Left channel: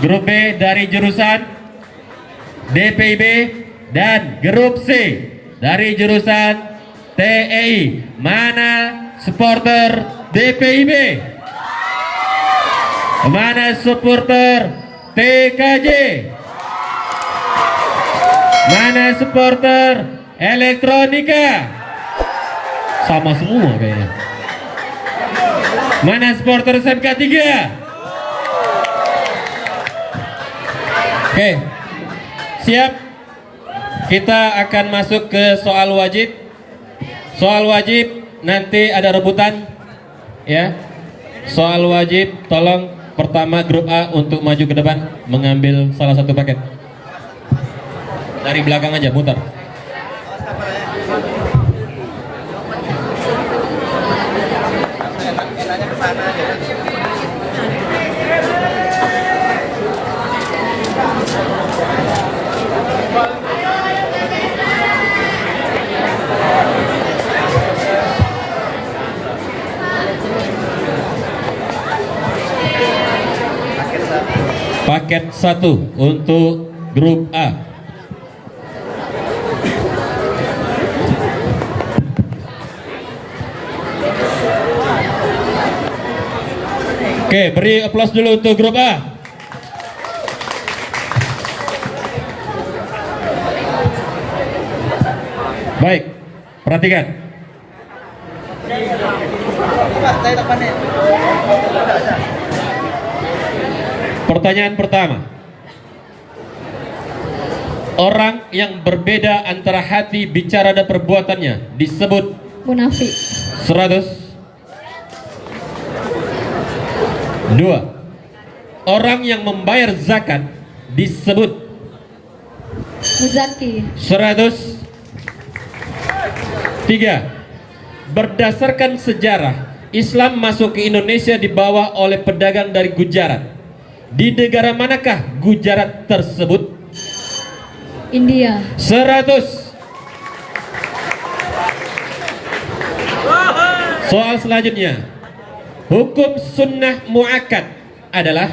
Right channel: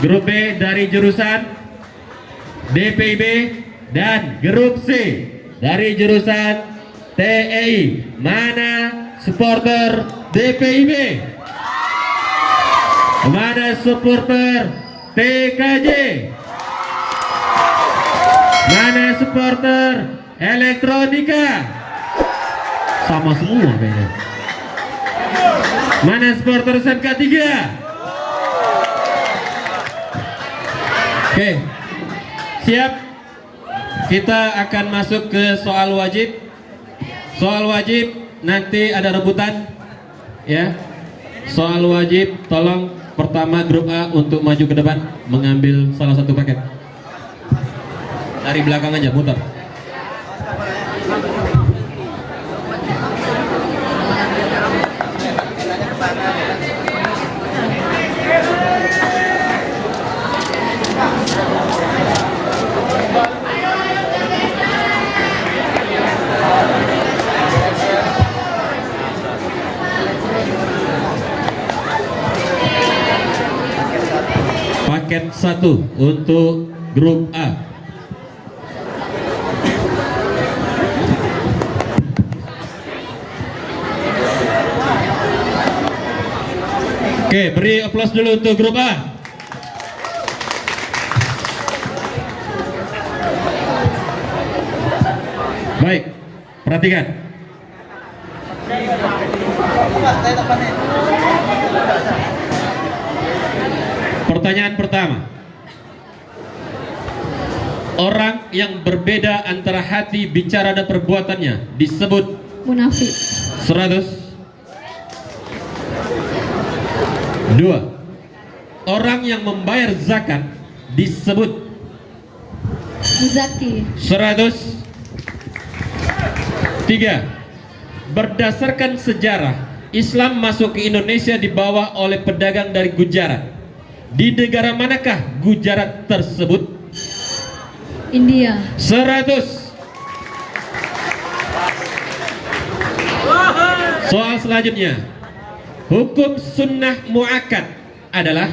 Grup B dari jurusan DPIB dan grup C dari jurusan TEI. Mana supporter DPIB? Mana supporter TKJ? Mana supporter elektronika? Sama semua kayaknya. Mana supporter SMK 3? Oke, siap. Kita akan masuk ke soal wajib. Soal wajib nanti ada rebutan, ya. Soal wajib, tolong pertama grup A untuk maju ke depan mengambil salah satu paket. Dari belakang aja, muter. Paket 1 untuk grup A. Oke, beri aplaus dulu untuk grup A. Baik, perhatikan. Pertanyaan pertama. Orang yang berbeda antara hati, bicara dan perbuatannya disebut munafik. 100. 2. Orang yang membayar zakat disebut Muzaki. 100. 3. Berdasarkan sejarah, Islam masuk ke Indonesia dibawa oleh pedagang dari Gujarat. Di negara manakah Gujarat tersebut? India. 100. Soal selanjutnya. Hukum sunnah muakkad adalah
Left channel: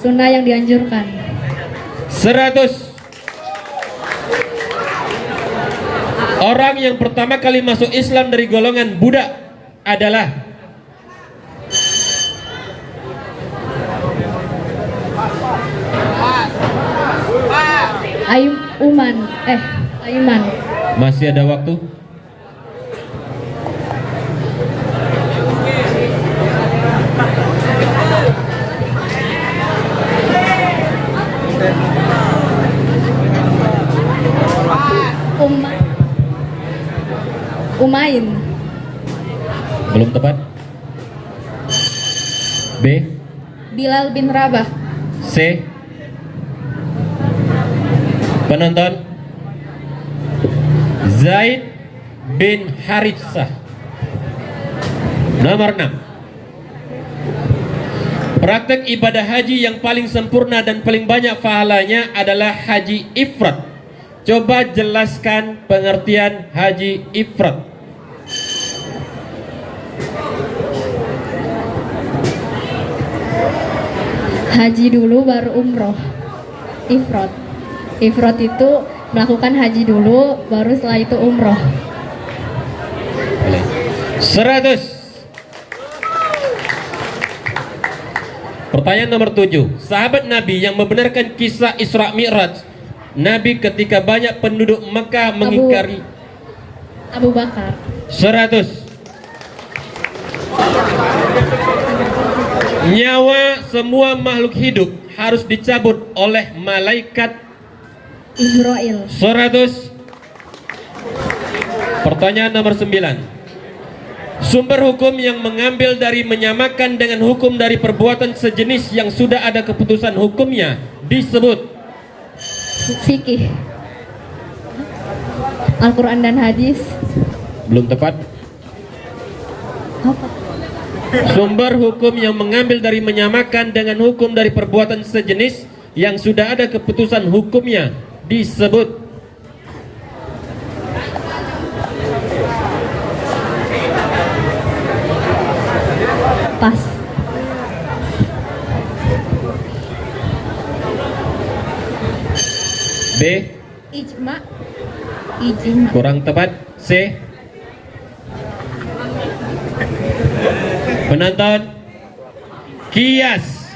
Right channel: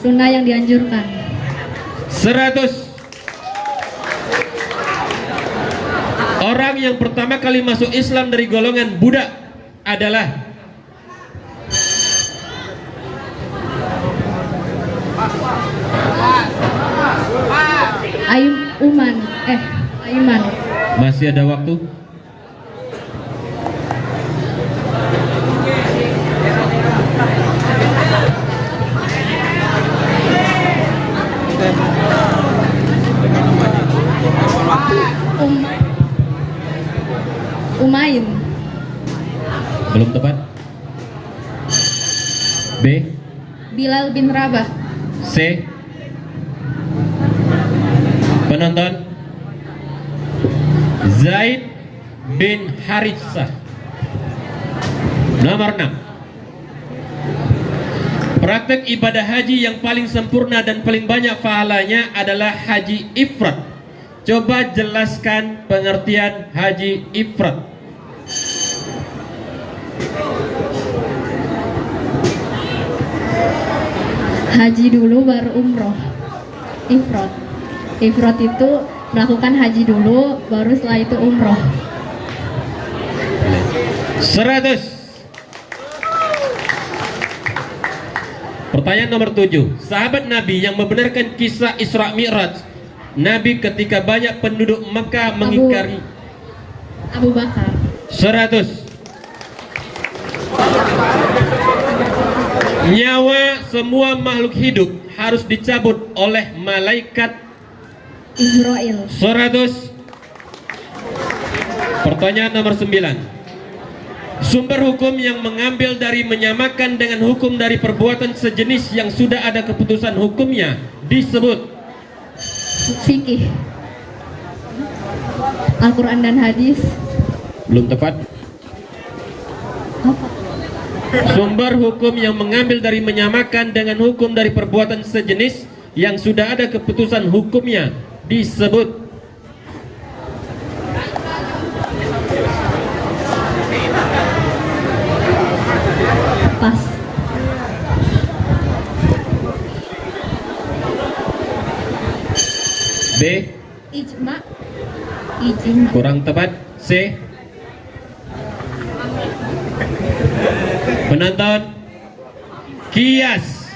Sunnah yang dianjurkan. 100. Orang yang pertama kali masuk Islam dari golongan Buddha adalah Aiman. Masih ada waktu. Umaim. Belum tepat. B. Bilal bin Rabah. C. Penonton. Zaid bin Haritsah. Nomor 6. Praktek ibadah haji yang paling sempurna dan paling banyak pahalanya adalah haji ifrad. Coba jelaskan pengertian haji ifrad. Haji dulu baru umroh. Ifrad. Ifrad itu melakukan haji dulu, baru setelah itu umroh. 100. Pertanyaan nomor 7. Sahabat Nabi yang membenarkan kisah Isra Mi'raj Nabi ketika banyak penduduk Mekah mengingkari. Abu Bakar. 100. Nyawa semua makhluk hidup harus dicabut oleh malaikat Israel. 100. Pertanyaan nomor 9. Sumber hukum yang mengambil dari menyamakan dengan hukum dari perbuatan sejenis yang sudah ada keputusan hukumnya disebut Fikih. Al-Quran dan hadis. Belum tepat. Apa? Sumber hukum yang mengambil dari menyamakan dengan hukum dari perbuatan sejenis yang sudah ada keputusan hukumnya disebut? Pas. B. Ijma. Ijma. Kurang tepat. C. Penonton, kias.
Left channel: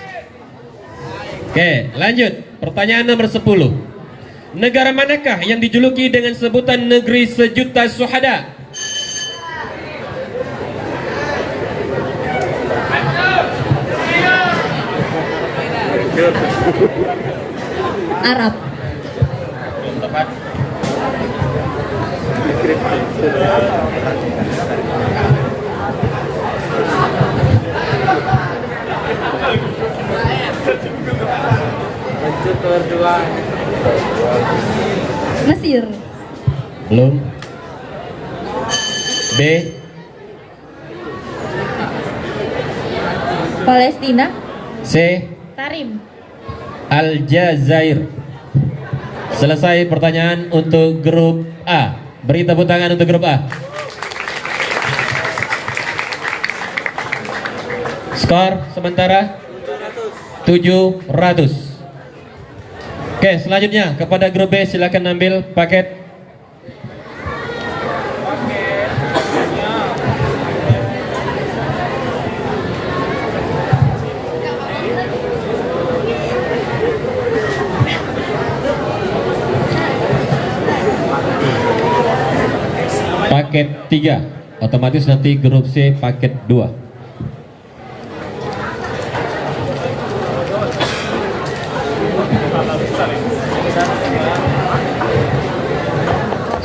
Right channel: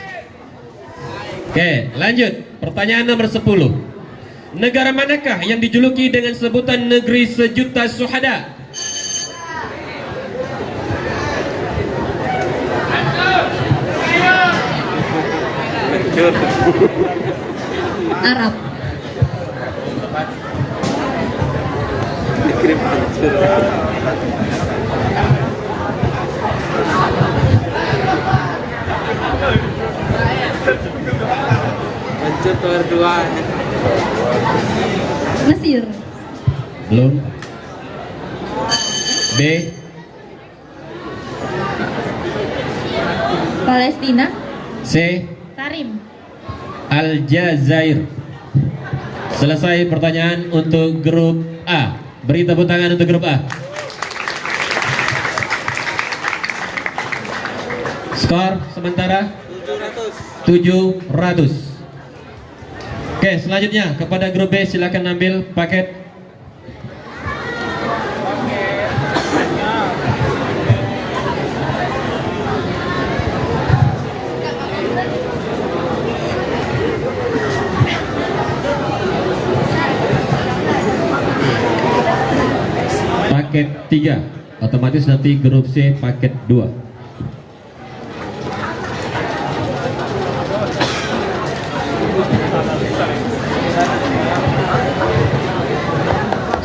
Oke, lanjut. Pertanyaan nomor 10. Negara manakah yang dijuluki dengan sebutan negeri sejuta syuhada? Arab. Mesir. Belum. B. Palestina. C. Karim. Aljazair. Selesai pertanyaan untuk grup A. Beri tepuk tangan untuk grup A. Skor sementara 700. Oke, selanjutnya kepada grup B, silakan ambil paket. Paket 3, otomatis nanti grup C paket 2.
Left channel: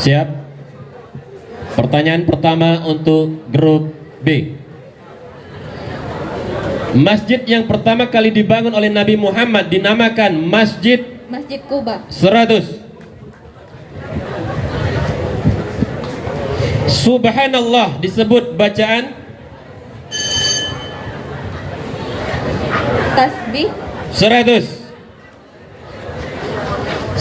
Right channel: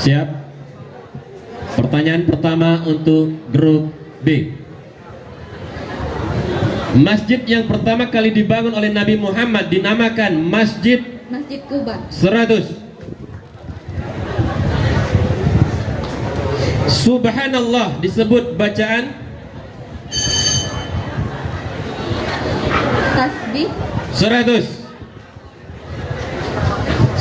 Siap? Pertanyaan pertama untuk grup B. Masjid yang pertama kali dibangun oleh Nabi Muhammad dinamakan Masjid Kuba. 100. Subhanallah disebut bacaan Tasbih. 100.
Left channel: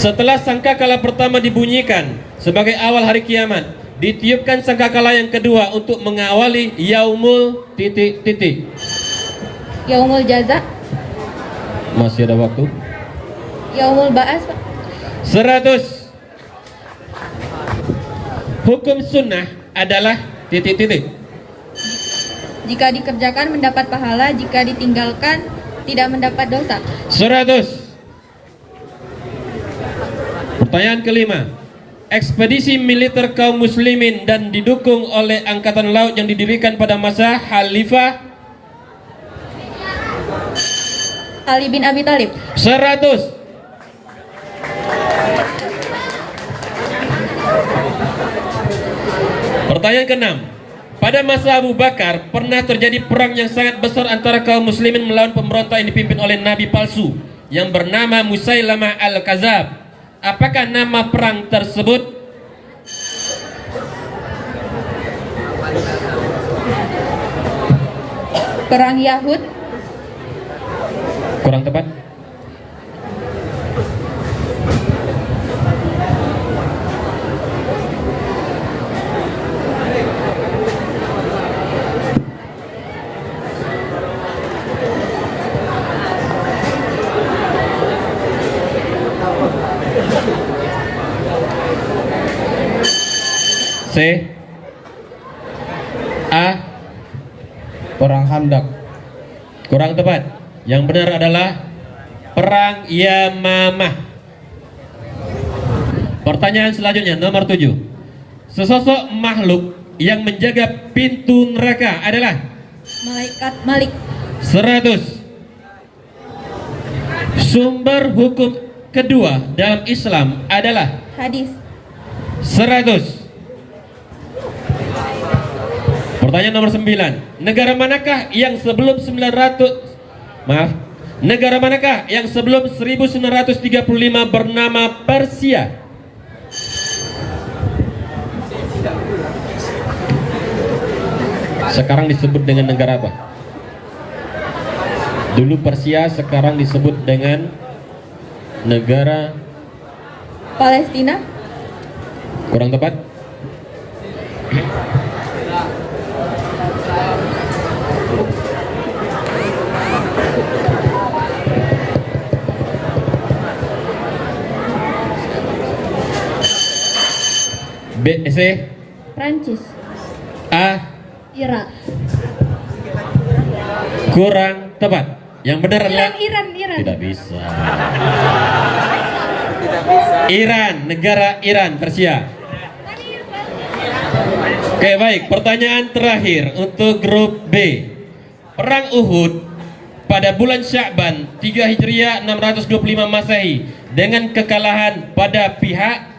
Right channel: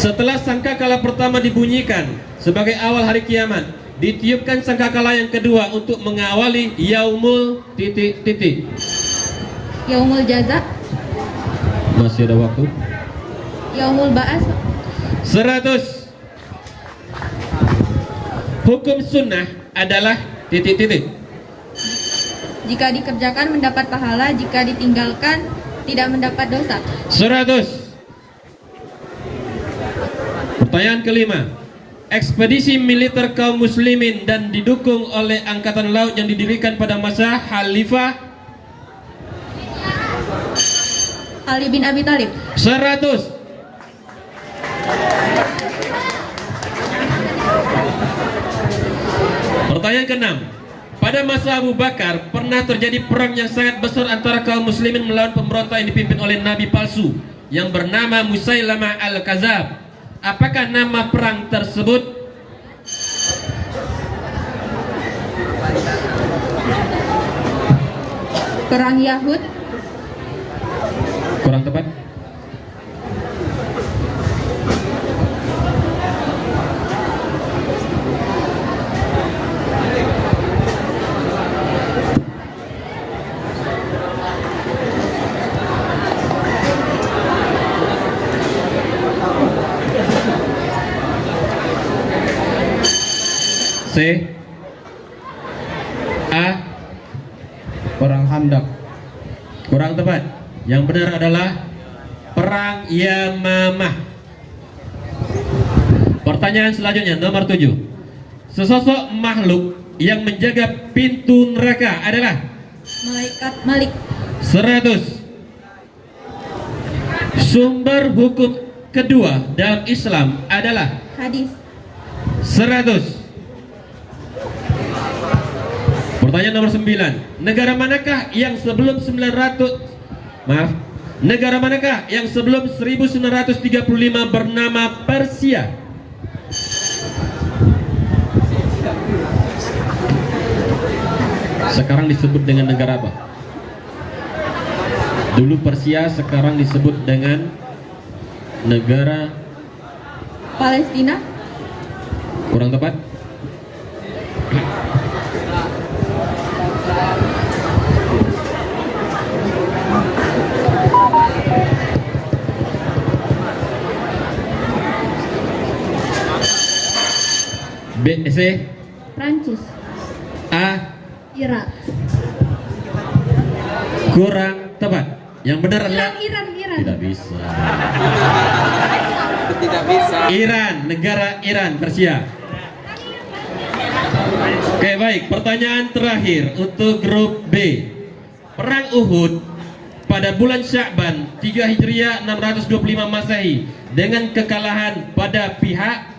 Setelah sangkakala pertama dibunyikan sebagai awal hari kiamat, ditiupkan sangkakala yang kedua untuk mengawali yaumul titik-titik. Yaumul jaza. Masih ada waktu. Yaumul ba'as. 100. Hukum sunnah adalah titik-titik. Jika dikerjakan mendapat pahala, jika ditinggalkan tidak mendapat dosa. 100. Pertanyaan kelima. Ekspedisi militer kaum muslimin dan didukung oleh angkatan laut yang didirikan pada masa Khalifah Ali bin Abi Thalib. 100. Pertanyaan keenam. Pada masa Abu Bakar pernah terjadi perang yang sangat besar antara kaum muslimin melawan pemberontak yang dipimpin oleh nabi palsu yang bernama Musailamah al-Kazab. Apakah nama perang tersebut? Perang Yahud. Kurang tepat. C. A. Perang Khandaq. Kurang tepat. Yang benar adalah Perang Yamamah. Pertanyaan selanjutnya nomor 7. Sesosok makhluk yang menjaga pintu neraka adalah Malaikat Malik. 100. Sumber hukum kedua dalam Islam adalah Hadis. 100. Pertanyaan nomor 9. Negara manakah yang sebelum 1935 bernama Persia? Sekarang disebut dengan negara apa? Dulu Persia, sekarang disebut dengan negara Palestina. kurang tepat. B, C, Prancis. A, Irak. kurang tepat. Yang benar adalah Iran. tidak bisa. Iran, negara Iran, Persia. Oke, baik. Pertanyaan terakhir untuk grup B. Perang Uhud pada bulan Sya'ban 3 Hijriah 625 Masehi dengan kekalahan pada pihak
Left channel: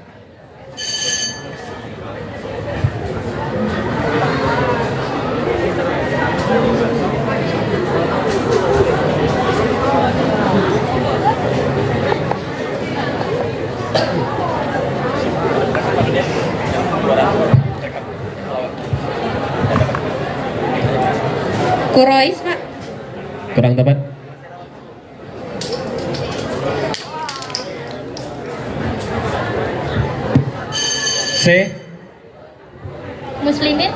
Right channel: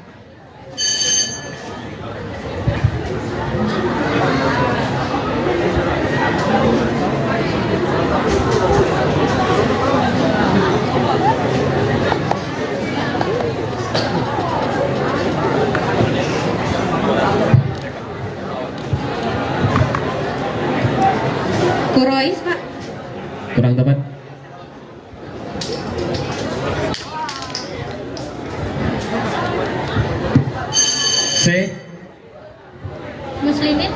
Quraisy, Pak. kurang tepat. C, Muslimin.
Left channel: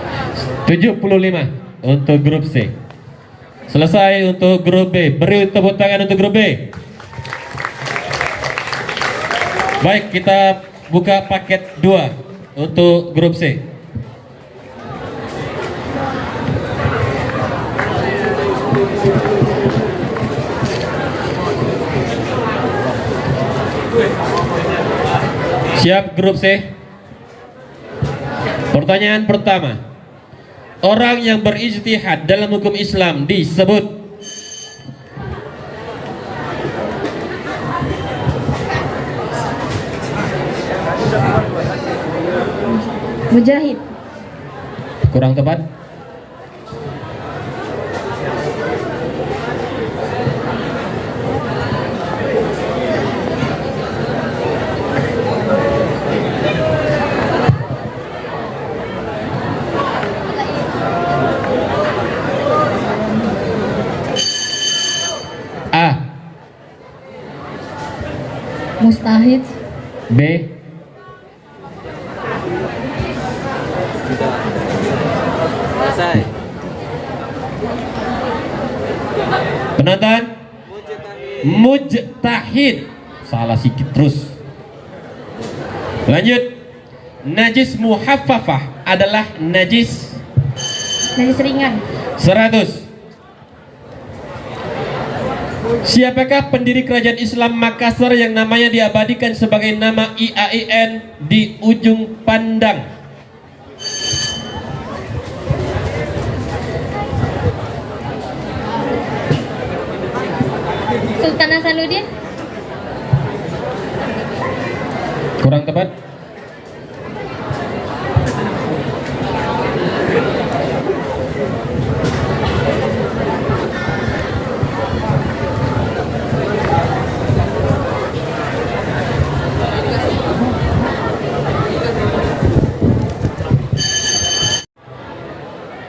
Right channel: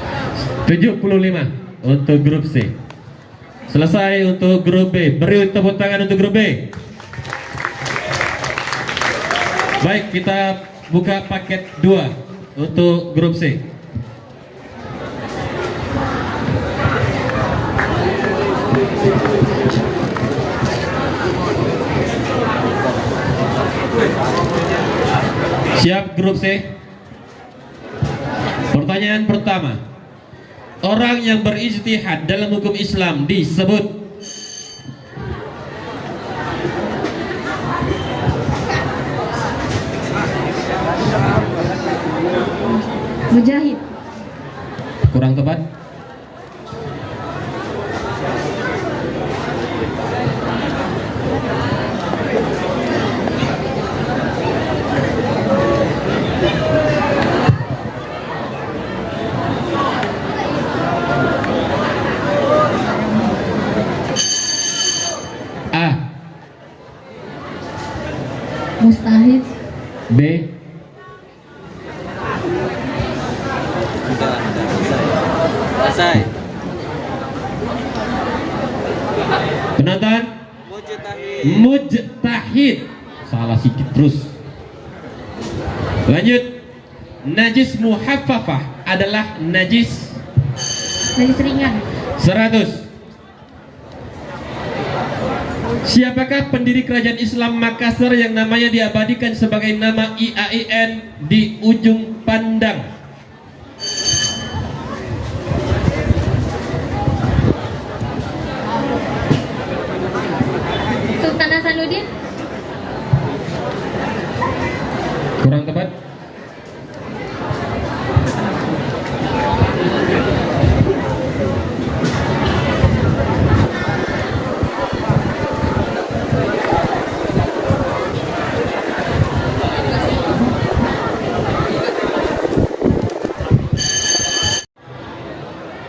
75 untuk grup C. Selesai untuk grup B. Beri tepuk tangan untuk grup B. Baik, kita buka paket 2 untuk grup C. Siap grup C? Pertanyaan pertama. Orang yang berijtihad dalam hukum Islam disebut Mujahid. kurang tepat. A, Mustahid. B, penonton mujtahid. Salah sedikit terus. Lanjut. Najis muhaffafah adalah najis Najis ringan. 100. Siapakah pendiri kerajaan Islam Makassar yang namanya diabadikan sebagai nama IAIN di ujung pandang? Sultan Hasanuddin. Kurang tepat.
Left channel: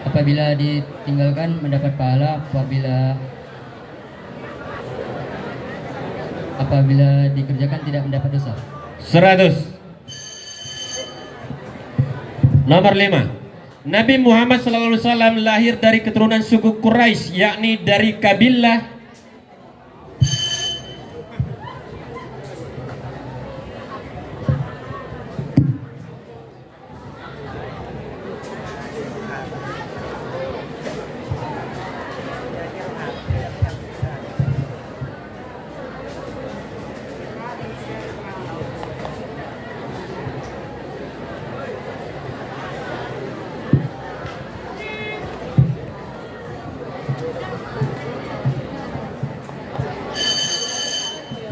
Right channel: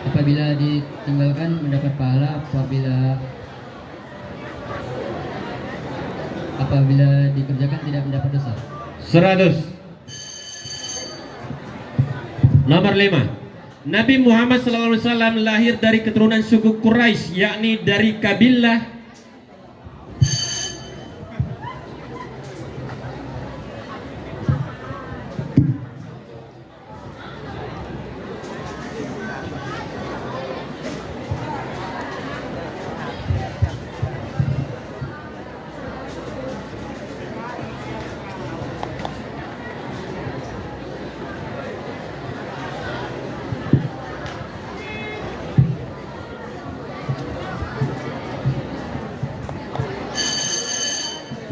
Apabila ditinggalkan mendapat pahala, apabila dikerjakan tidak mendapat dosa. 100. Nomor 5. Nabi Muhammad SAW lahir dari keturunan suku Quraisy, yakni dari kabilah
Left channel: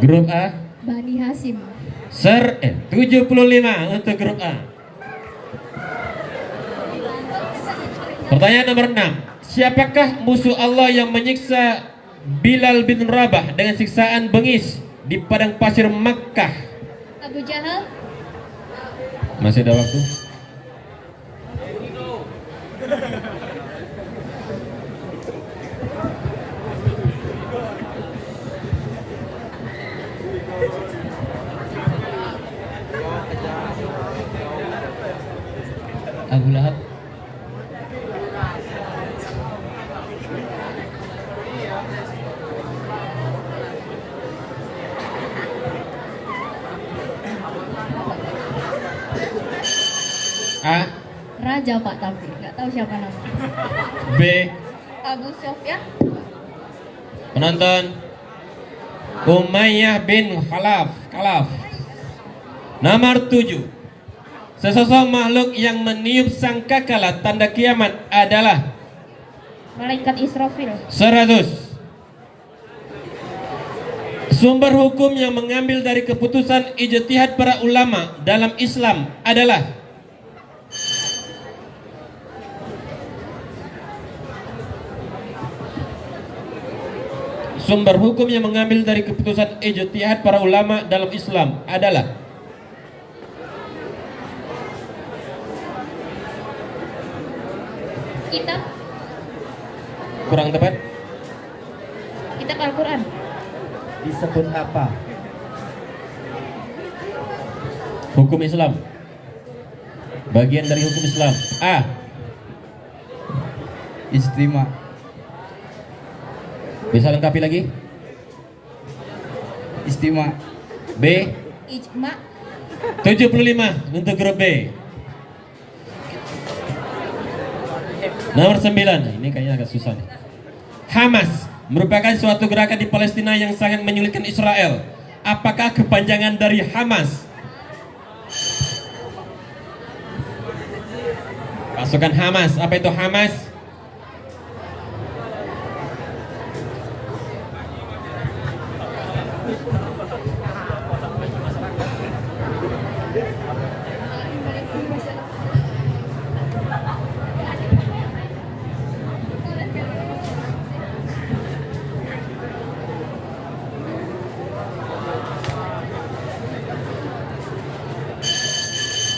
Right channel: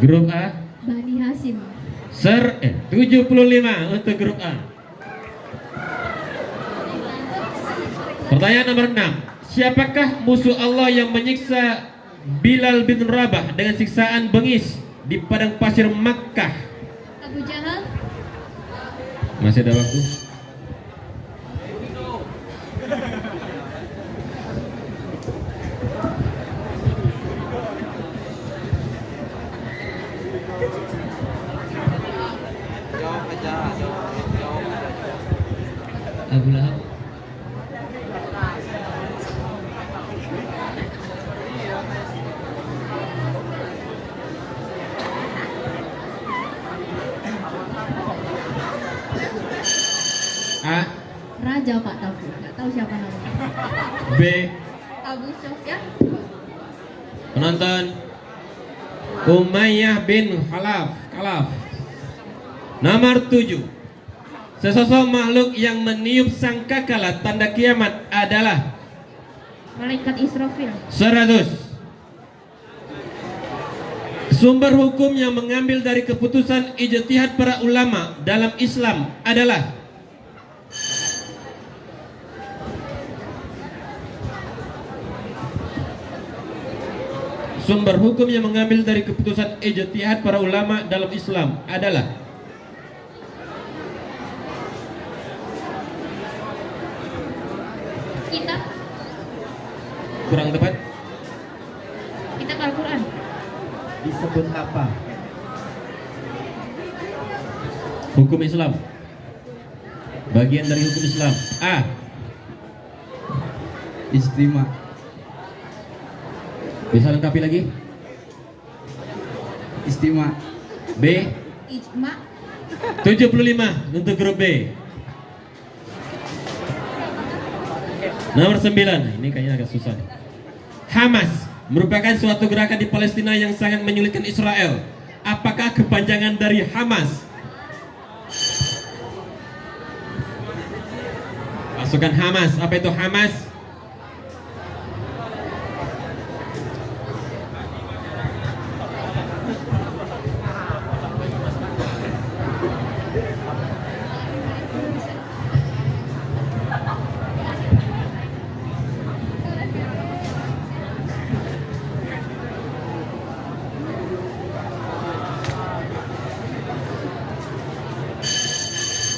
grup A. Bani Hasim. 75 untuk grup A. Pertanyaan nomor 6. Siapakah musuh Allah yang menyiksa Bilal bin Rabah dengan siksaan bengis di padang pasir Makkah? Abu Jahal. Masih ada waktu. Abu Lahab. A, Raja Pak, tapi nggak tahu siapa namanya. B. Abu Sofyan. Penonton, Umayyah bin Khalaf. Nomor 7. Sesosok makhluk yang meniup sangkakala tanda kiamat adalah Malaikat Israfil. 100. Sumber hukum yang mengambil dari keputusan ijtihad para ulama dalam Islam adalah sumber hukum yang mengambil dari keputusan ijtihad para ulama dalam Islam adalah Kitab. kurang tepat. Kitab Al-Quran. Disebut apa? Hukum Islam. Bagian dari hukum Islam. A. Istimewa. Bisa lengkapi lagi? Istimewa. B. Ijma. 75 untuk grup B. Nomor 9. Ini kayaknya agak susah. Hamas merupakan suatu gerakan di Palestina yang sangat menyulitkan Israel. Apakah kepanjangan dari Hamas? Pasukan Hamas. Apa itu Hamas?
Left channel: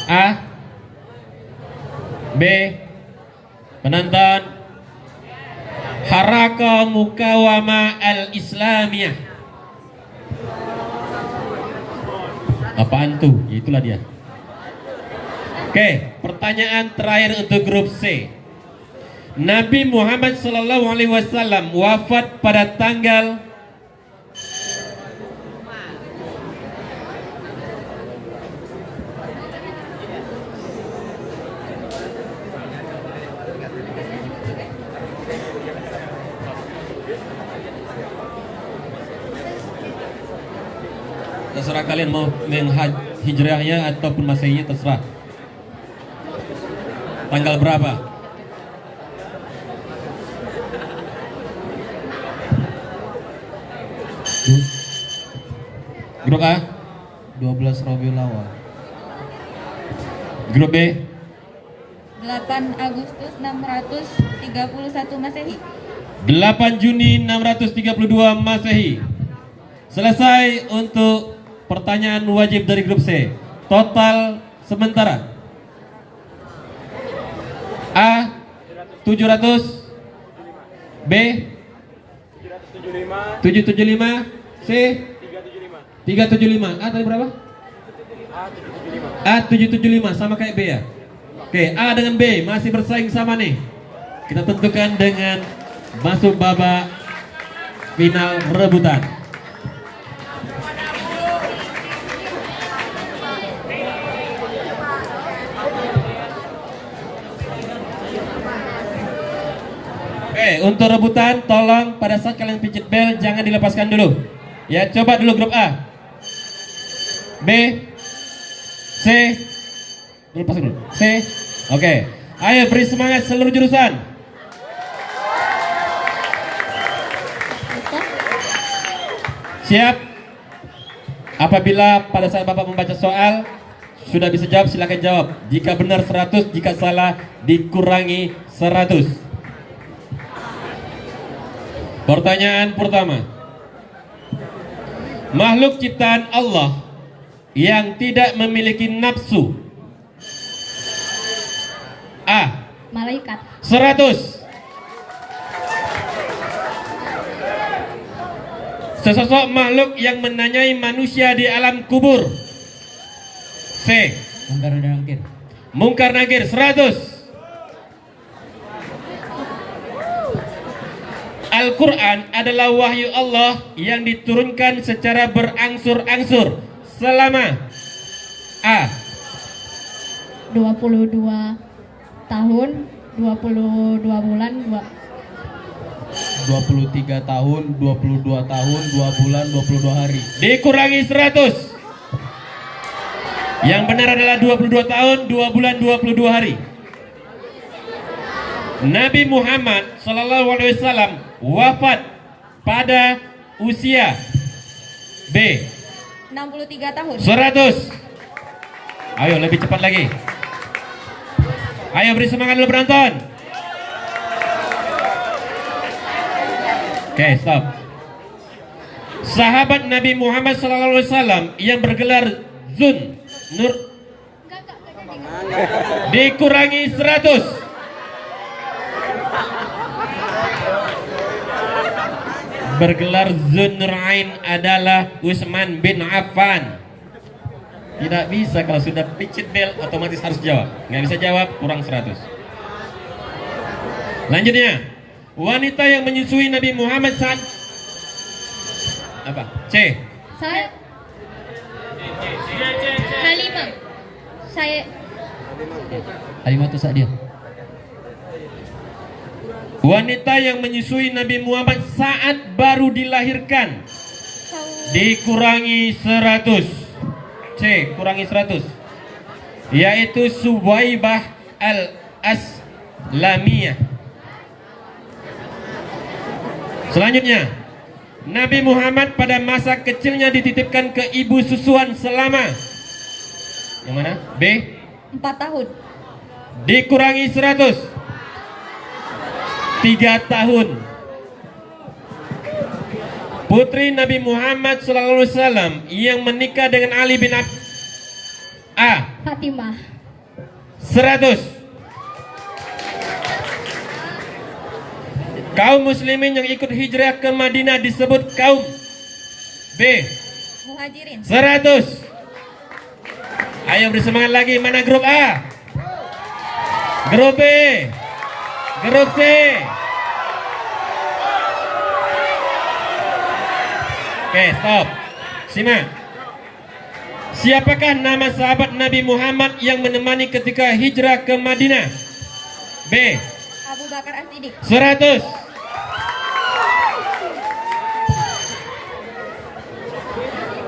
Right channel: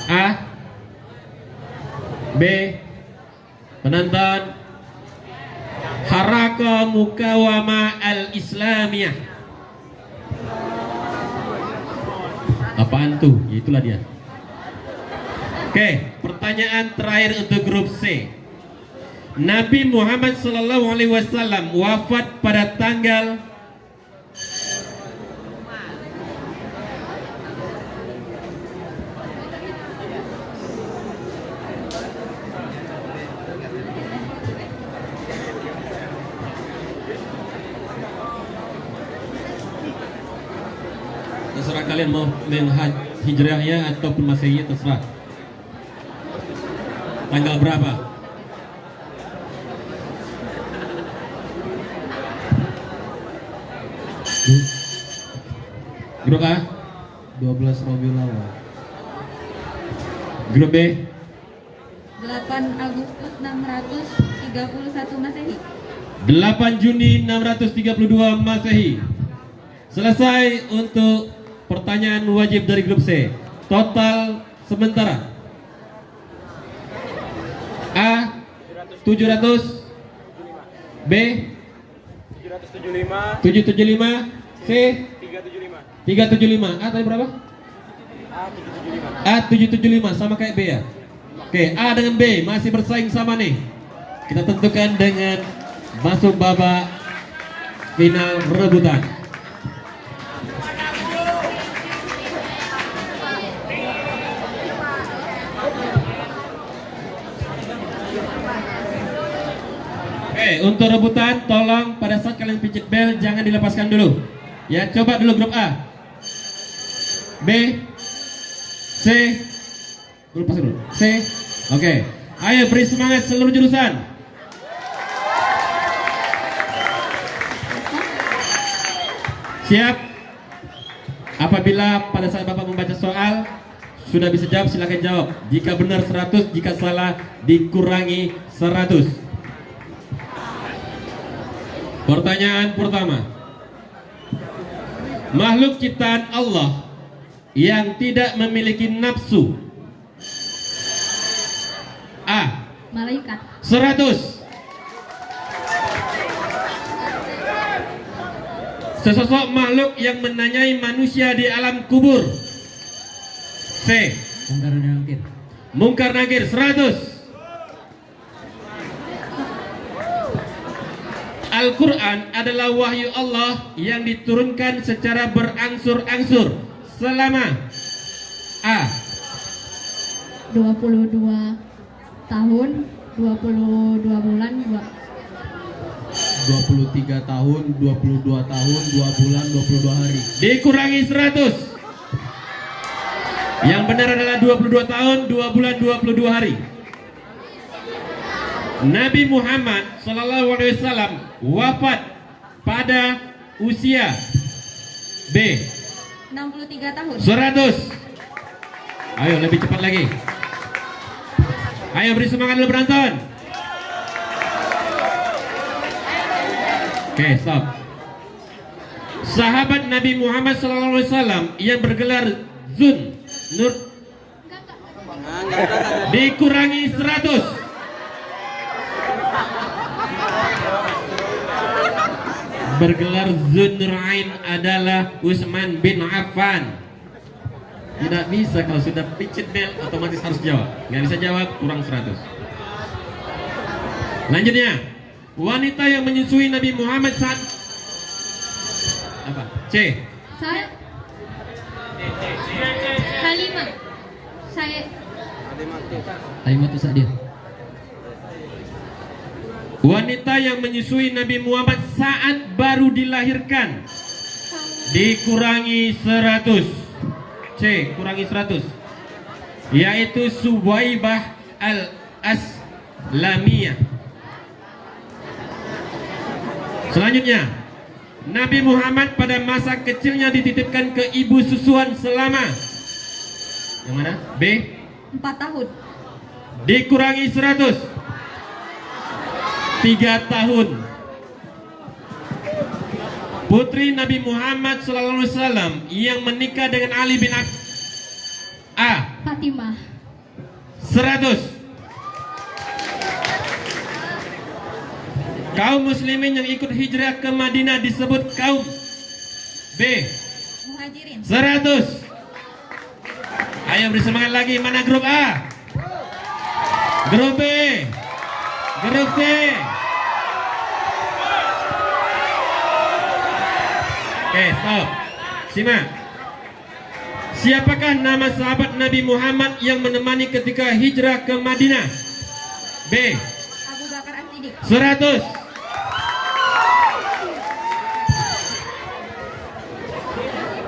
A. B. Penonton, Harakah Mukawamah Al-Islamiyah. Apaan tuh? Itulah dia. Oke, pertanyaan terakhir untuk grup C. Nabi Muhammad SAW wafat pada tanggal terserah kalian mau hijrahnya ataupun masehinya, terserah. Tanggal berapa? Grup A 12 Rabiul Awal. Grup B 8 Agustus 631 Masehi. 8 Juni 632 Masehi. Selesai untuk pertanyaan wajib dari grup C. Total sementara A 700, B 775, C 375. A tadi berapa? A 775 sama kayak B ya. Oke, A dengan B masih bersaing sama nih. Kita tentukan dengan masuk babak final rebutan. Oke, untuk rebutan tolong pada saat kalian pijit bel jangan dilepaskan dulu. Ya, coba dulu grup A. B, C, lepas dulu. C, oke. Ayo beri semangat seluruh jurusan. Siap? Apabila pada saat Bapak membaca soal sudah bisa jawab, silakan jawab. Jika benar 100, jika salah dikurangi 100. Pertanyaan pertama. Makhluk ciptaan Allah yang tidak memiliki nafsu. A. Malaikat. 100. Sesosok makhluk yang menanyai manusia di alam kubur. C. Mungkar dan Nakir. Mungkar Nakir 100. Al-Quran adalah wahyu Allah yang diturunkan secara berangsur-angsur selama A. 22 tahun, 22 bulan, 23 tahun, 22 tahun, 2 bulan, 22 hari. Dikurangi 100. Yang benar adalah 22 tahun, 2 bulan, 22 hari. Nabi Muhammad Sallallahu Alaihi Wasallam wafat pada usia B. 63 tahun. 100. Ayo lebih cepat lagi. Ayo beri semangat dulu penonton. Oke, stop. Sahabat Nabi Muhammad Sallallahu Alaihi Wasallam yang bergelar Zun Nur dikurangi 100. Bergelar Zunrain adalah Utsman bin Affan. Tidak bisa, kalau sudah picit bel otomatis harus jawab. Nggak bisa jawab, kurang 100. Lanjutnya, wanita yang menyusui Nabi Muhammad saat apa? C. Saya Halimah. Saya Halimah Sa'diyah. Wanita yang menyusui Nabi Muhammad saat baru dilahirkan dikurangi 100. C, kurangi 100. Yaitu Suwaibah al-Aslamiyah. Selanjutnya, Nabi Muhammad pada masa kecilnya dititipkan ke ibu susuan selama yang mana? B. 4 tahun. Dikurangi 100. 3 tahun. Putri Nabi Muhammad SAW yang menikah dengan Ali bin A. Fatimah. 100. Kaum muslimin yang ikut hijrah ke Madinah disebut kaum B. Muhajirin. 100. Ayo bersemangat lagi. Mana grup A? Grup B? Grup C? Oke, stop. Simak. Siapakah nama sahabat Nabi Muhammad yang menemani ketika hijrah ke Madinah? B. Abu Bakar As-Siddiq. 100.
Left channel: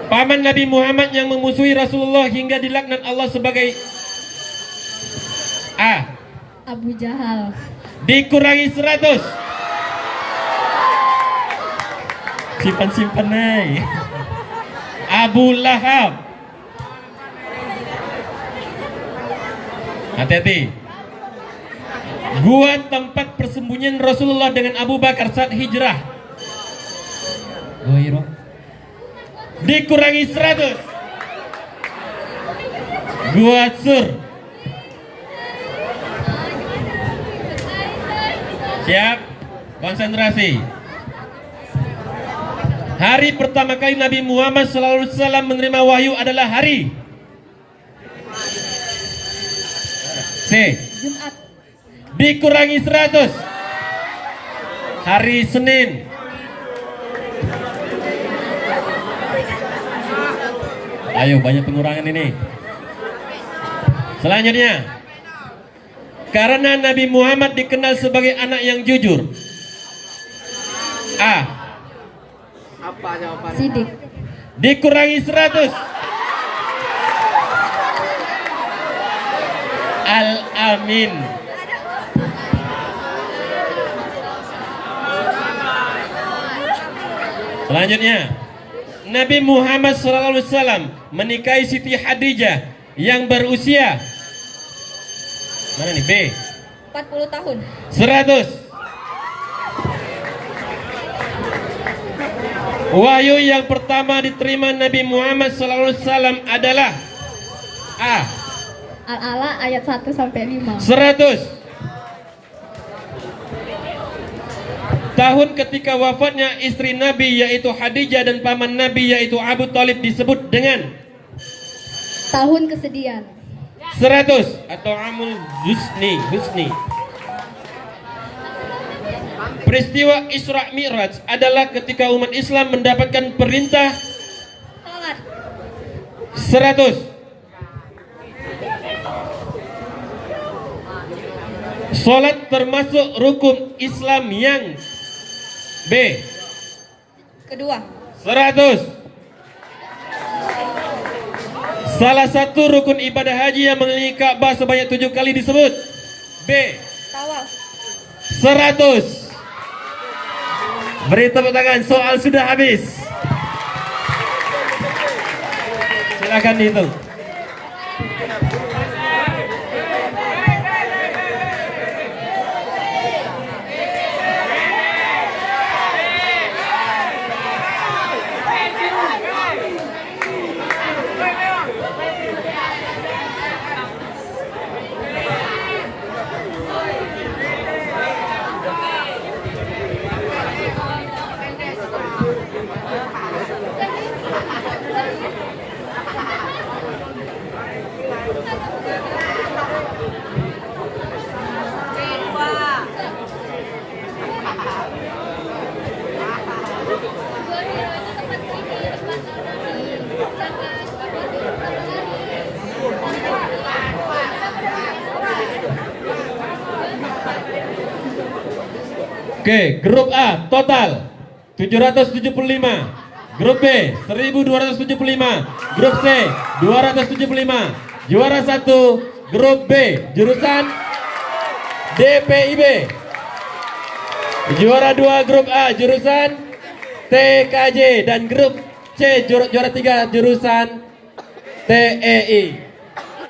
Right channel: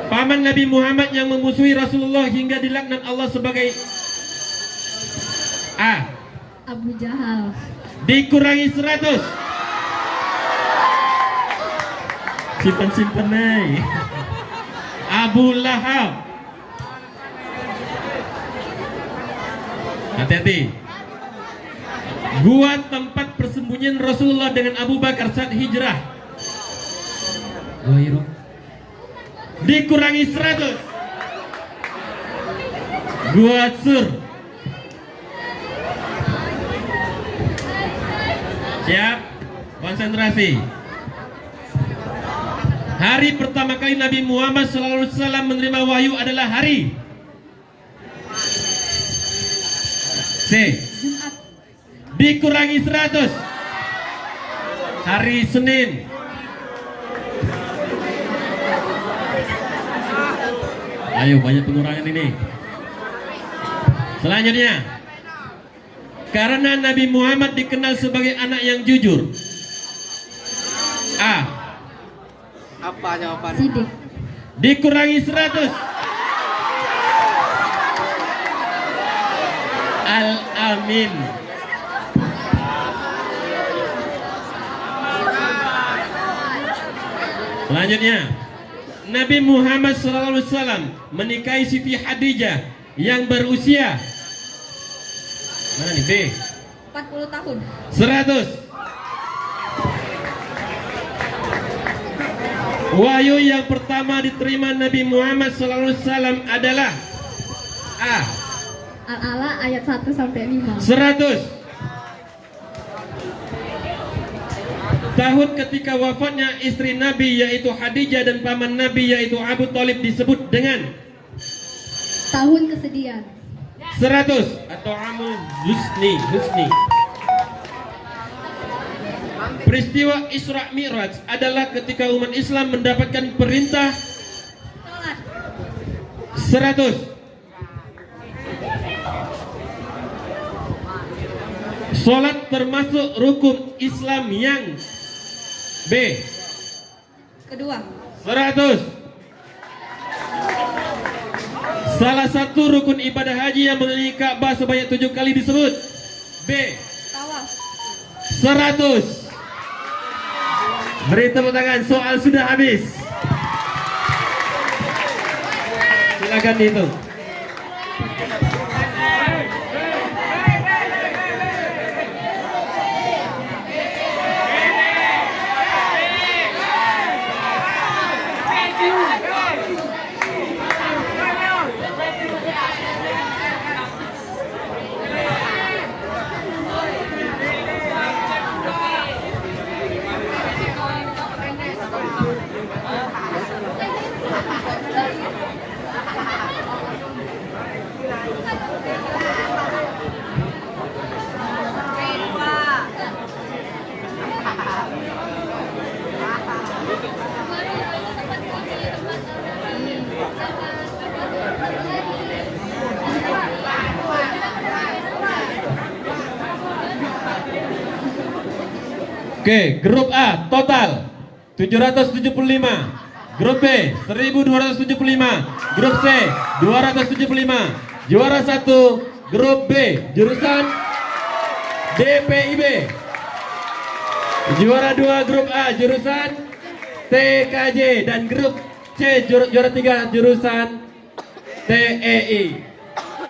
Paman Nabi Muhammad yang memusuhi Rasulullah hingga dilaknat Allah sebagai A. Abu Jahal. Dikurangi 100. Simpan-simpan nih. Abu Lahab. Hati-hati. Gua tempat persembunyian Rasulullah dengan Abu Bakar saat hijrah. Goiro. Dikurangi 100. Gua Sur. Siap? Konsentrasi. Hari pertama kali Nabi Muhammad SAW menerima wahyu adalah hari C. Jumat. Dikurangi 100. Hari Senin. Ayo, banyak pengurangan ini. Selanjutnya, karena Nabi Muhammad dikenal sebagai anak yang jujur. A. Siddiq. Dikurangi 100. Al-Amin. Selanjutnya, Nabi Muhammad SAW menikahi Siti Khadijah yang berusia mana nih? B. 40 tahun. 100. Wahyu yang pertama diterima Nabi Muhammad SAW adalah A. Al-Ala ayat 1 sampai 5. 100. Tahun ketika wafatnya istri Nabi yaitu Khadijah dan paman Nabi yaitu Abu Thalib disebut dengan Tahun kesedihan. 100 atau amul husni. Peristiwa Isra Mi'raj adalah ketika umat Islam mendapatkan perintah. Sholat. 100. Sholat termasuk rukun Islam yang B. Kedua. 100. Salah satu rukun ibadah haji yang mengelilingi Ka'bah sebanyak 7 kali disebut B. Tawaf. 100. Beri tepuk tangan, soal sudah habis. Silakan dihitung. Oke, grup A total 775, grup B 1275, grup C 275. Juara 1 grup B jurusan DPIB. Juara 2 grup A jurusan TKJ dan grup C juara 3 jurusan TEI.